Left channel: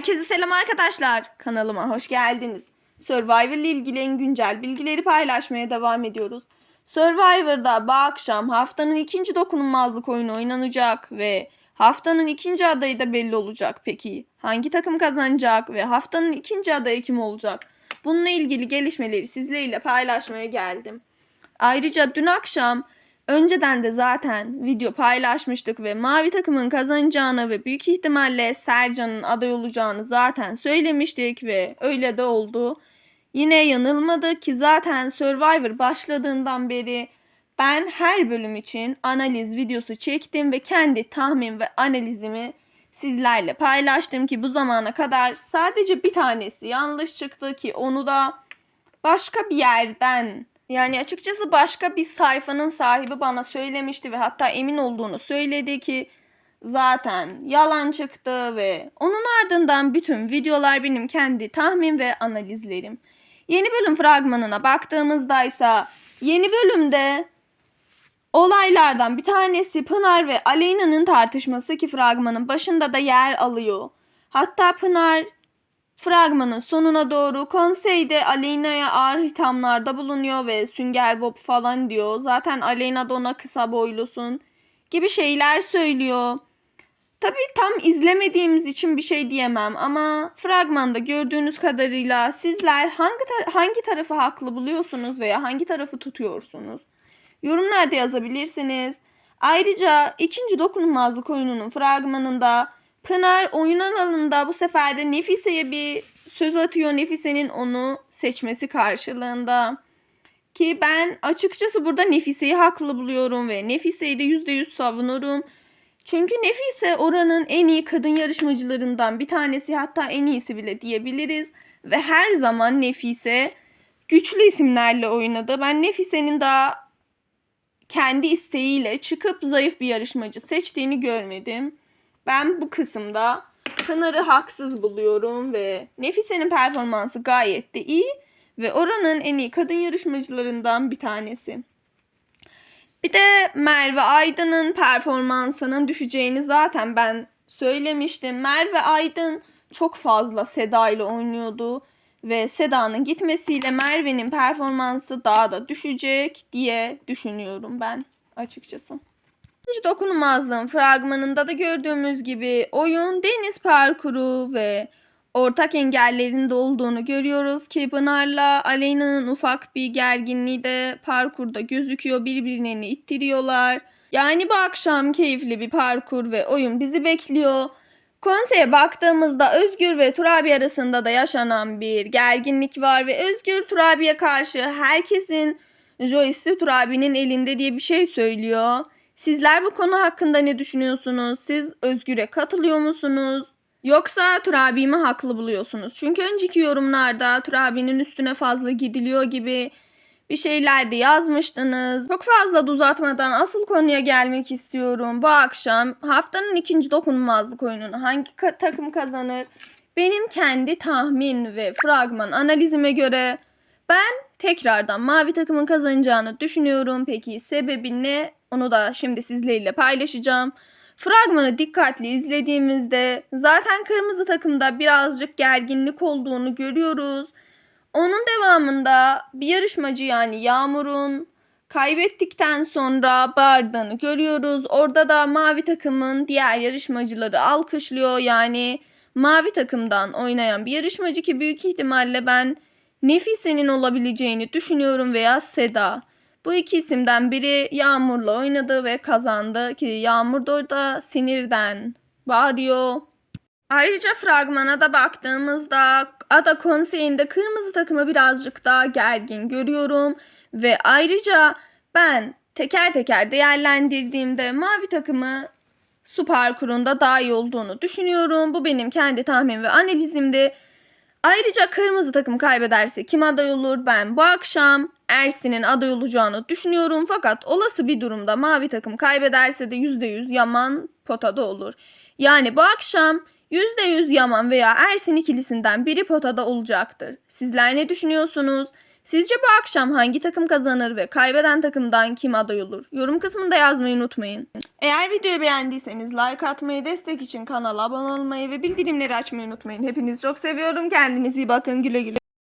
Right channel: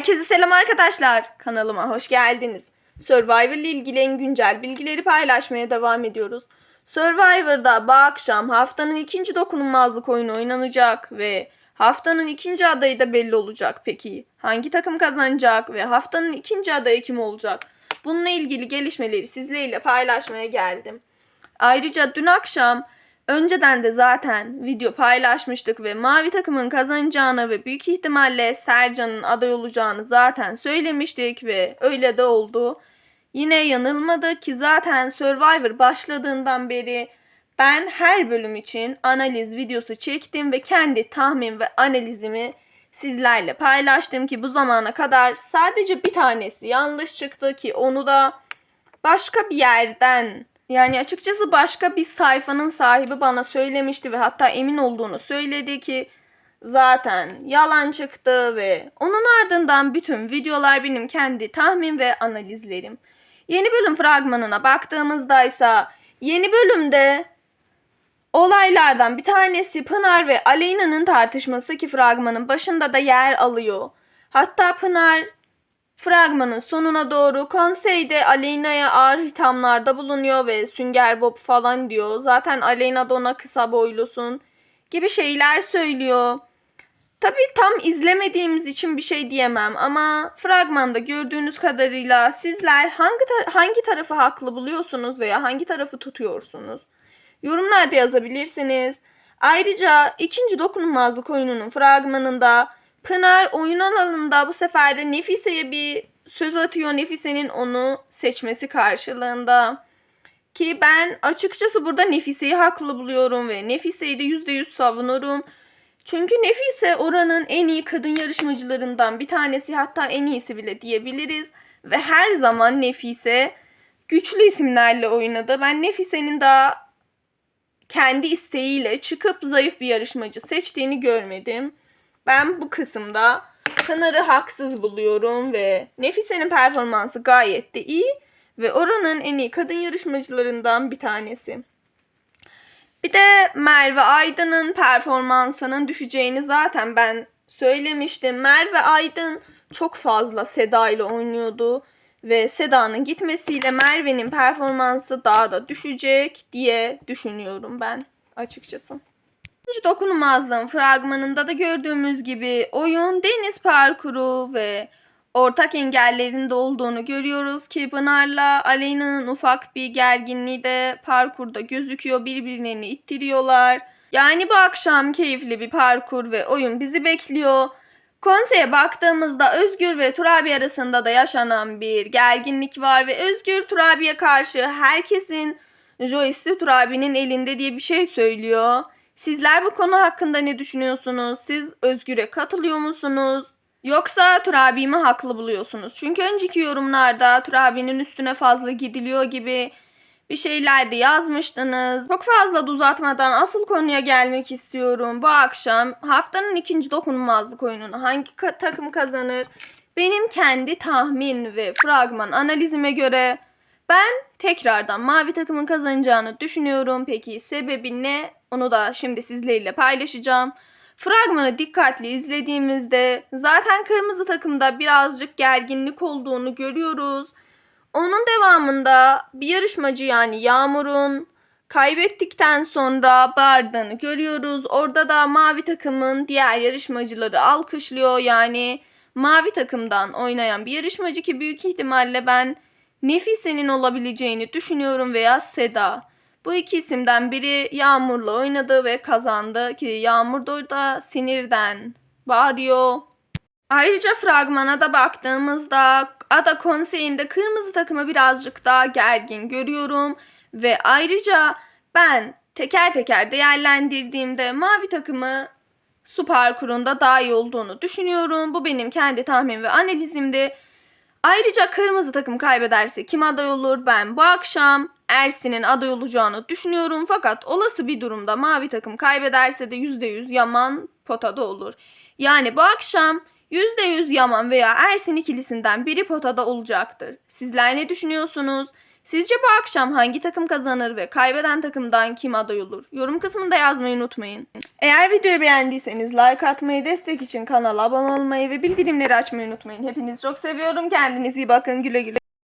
Herkese selam arkadaşlar. Kanalıma hoş geldiniz. Survivor ile ilgili en güncel bilgileri paylaşmaya devam ediyoruz. Survivor'da bu akşam haftanın ikinci dokunulmazlık oyunu oynanacak ve haftanın ikinci adayı da belli olacak. Peki hangi takım kazanacak ve haftanın ikinci adayı kim olacak? Bununla ilgili gelişmeleri sizlerle paylaşmaya geldim. Ayrıca dün akşam önceden de zaten video paylaşmıştık ve mavi takımın kazanacağını ve büyük ihtimalle Sercan'ın aday olacağını zaten söylemiştik ve öyle de oldu. Yine yanılmadık ki zaten Survivor başladığından beri ben her bölüm için analiz videosu çektim ve kendi tahmin ve analizimi sizlerle paylaştım ki bu zamana kadar sadece bir tanesi yanlış çıktı ki onu da başka bir yerden yani açıkçası başka bir sayfanın sahibi bana söylemişti ve hatta emin olduğunu söyledi ki zaten yalan çıktı ve onun ardından bütün videolar benim kendi tahmin ve analizlerim. Yeni bölüm fragmanına baktığımızda ise yeni bölümde olaylardan bir tanesi Pınar ve Aleyna'nın tartışması ki fragmanın başında da yer alıyor. Hatta Pınar Fragmanın sonuna doğru konseyde Aleyna'ya ağır hithamlarda bulunuyor ve Sünger Bob falan diyor. Zaten Aleyna da ona kısa boylusun gibi şeyler söylüyor. Tabii tam izlemediğimiz için bir şey diyemem ama fragmanda gördüğünüz kadarıyla sizler hangi tar- hangi tarafı haklı buluyorsunuz veya hangi tarafı tutuyorsunuz? Yorumlarda yazabilirsiniz. Ayrıca ikinci dokunulmazlık oyununun fragmanında Pınar oyun alanında bu sefer de Nefise'ye bir söz atıyor. Nefise'nin onu seçmesi karşılığında. Ki ben açıkçası burada Nefise'yi haklı buluyorum ve Nefise'yi de %100 savunurum. Çünkü Nefise oranın en iyi kadın yarışmacılarından bir tanesi hatta en iyisi bile diyebiliriz. Ve her zaman Nefise güçlü isimlerle oynadı. Ben Nefise'nin daha kendi isteğiyle çıkıp zayıf bir yarışmacı seçtiğini görmedim. Ben bu kısımda Pınar'ı haksız buluyorum ve Nefise'nin performansı gayet de iyi ve oranın en iyi kadın yarışmacılarından bir tanesi. Bir de Merve Aydın'ın performansının düşeceğini zaten ben söylemiştim. Merve Aydın çok fazla Seda ile oynuyordu ve Seda'nın gitmesiyle Merve'nin performansı daha da düşecek diye düşünüyorum ben açıkçası. Üçüncü dokunulmazlığın fragmanında da gördüğümüz gibi oyun deniz parkuru ve ortak engellerinde olduğunu görüyoruz ki Pınar'la Aleyna'nın ufak bir gerginliği de parkurda gözüküyor. Birbirlerini ittiriyorlar. Yani bu akşam keyifli bir parkur ve oyun bizi bekliyor. Konseye baktığımızda Özgür ve Turabi arasında da yaşanan bir gerginlik var ve Özgür Turabi'ye karşı herkesin joystick Turabi'nin elinde diye bir şey söylüyor. Sizler bu konu hakkında ne düşünüyorsunuz? Siz Özgür'e katılıyor musunuz? Yoksa Turabi mi haklı buluyorsunuz? Çünkü önceki yorumlarda Turabi'nin üstüne fazla gidiliyor gibi bir şeyler de yazmıştınız. Çok fazla da uzatmadan asıl konuya gelmek istiyorum. Bu akşam haftanın ikinci dokunulmazlık oyununu hangi ka- takım kazanır? Benim kendi tahmin ve fragman analizime göre ben tekrardan mavi takımın kazanacağını düşünüyorum. Peki sebebi ne? Onu da şimdi sizlerle paylaşacağım. Fragmanı dikkatli izlediğimizde zaten kırmızı takımda birazcık gerginlik olduğunu görüyoruz. Onun devamında bir yarışmacı yani Yağmur'un kaybettikten sonra bağırdığını görüyoruz. Orada da mavi takımın diğer yarışmacıları alkışlıyor. Yani mavi takımdan oynayan bir yarışmacı ki büyük ihtimalle ben Nefise'nin olabileceğini düşünüyorum veya Seda. Bu iki isimden biri Yağmur'la oynadı ve kazandı ki Yağmur da sinirden bağırıyor. Ayrıca fragmana da baktığımızda Ada konseyinde kırmızı takımı birazcık daha gergin görüyorum. Ve ayrıca ben teker teker değerlendirdiğimde mavi takımı su parkurunda daha iyi olduğunu düşünüyorum. Bu benim kendi tahmin ve analizimdi. Ayrıca kırmızı takım kaybederse kim aday olur? Ben bu akşam Ersin'in aday olacağını düşünüyorum. Fakat olası bir durumda mavi takım kaybederse de %100 Yaman potada olur. Yani bu akşam %100 Yaman veya Ersin ikilisinden biri potada olacaktır. Sizler ne düşünüyorsunuz? Sizce bu akşam hangi takım kazanır ve kaybeden takımdan kim aday olur? Yorum kısmında yazmayı unutmayın. Eğer videoyu beğendiyseniz like atmayı, destek için kanala abone olmayı ve bildirimleri açmayı unutmayın. Hepinizi çok seviyorum. Kendinize iyi bakın. Güle güle.